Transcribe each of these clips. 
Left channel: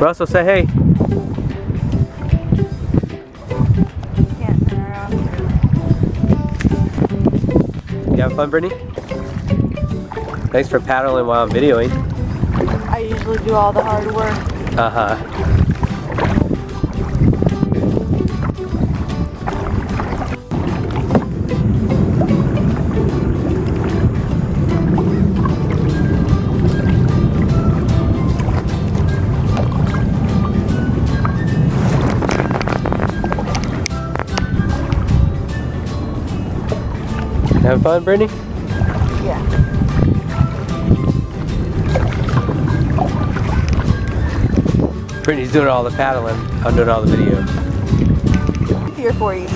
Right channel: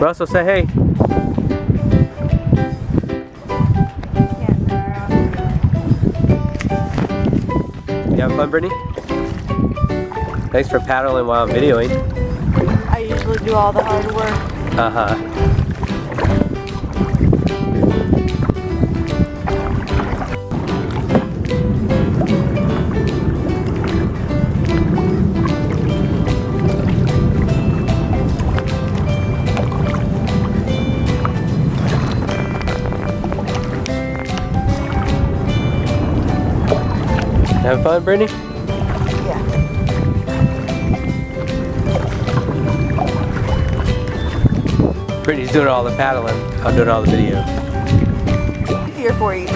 Russell, say hey. Can't turn around. You having fun, Brittany? Thanks for paddling while I'm videoing. I usually do all the hard work. Uh-huh. Having fun, Brittany? Yeah. Brittany's doing all the paddling. I'm doing all the video. Here for you.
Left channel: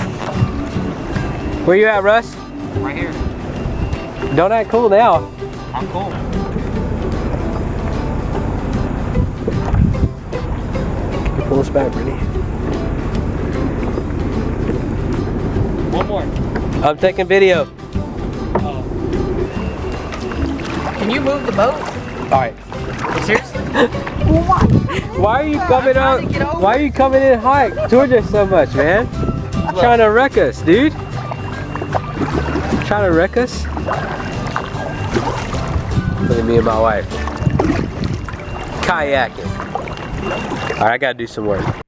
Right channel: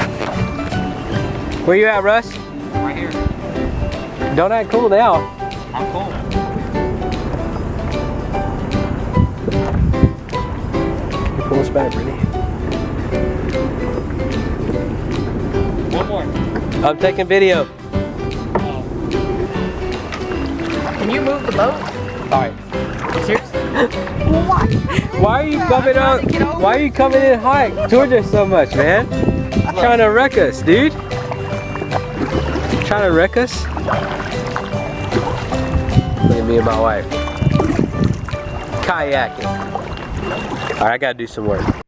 Where you at, Russ? Right here. Don't act cool now. I'm cool. Pull us back, Brittany. One more. I'm taking video. Can you move the boat? Alright. Seriously? What? Why are you coming trying out? to get over. Why are you coming in hot towards us so much, man? Trying to wreck us, dude. Trying to wreck us? Look at me and my wife. Kayaking. Alright, I gotta do some work.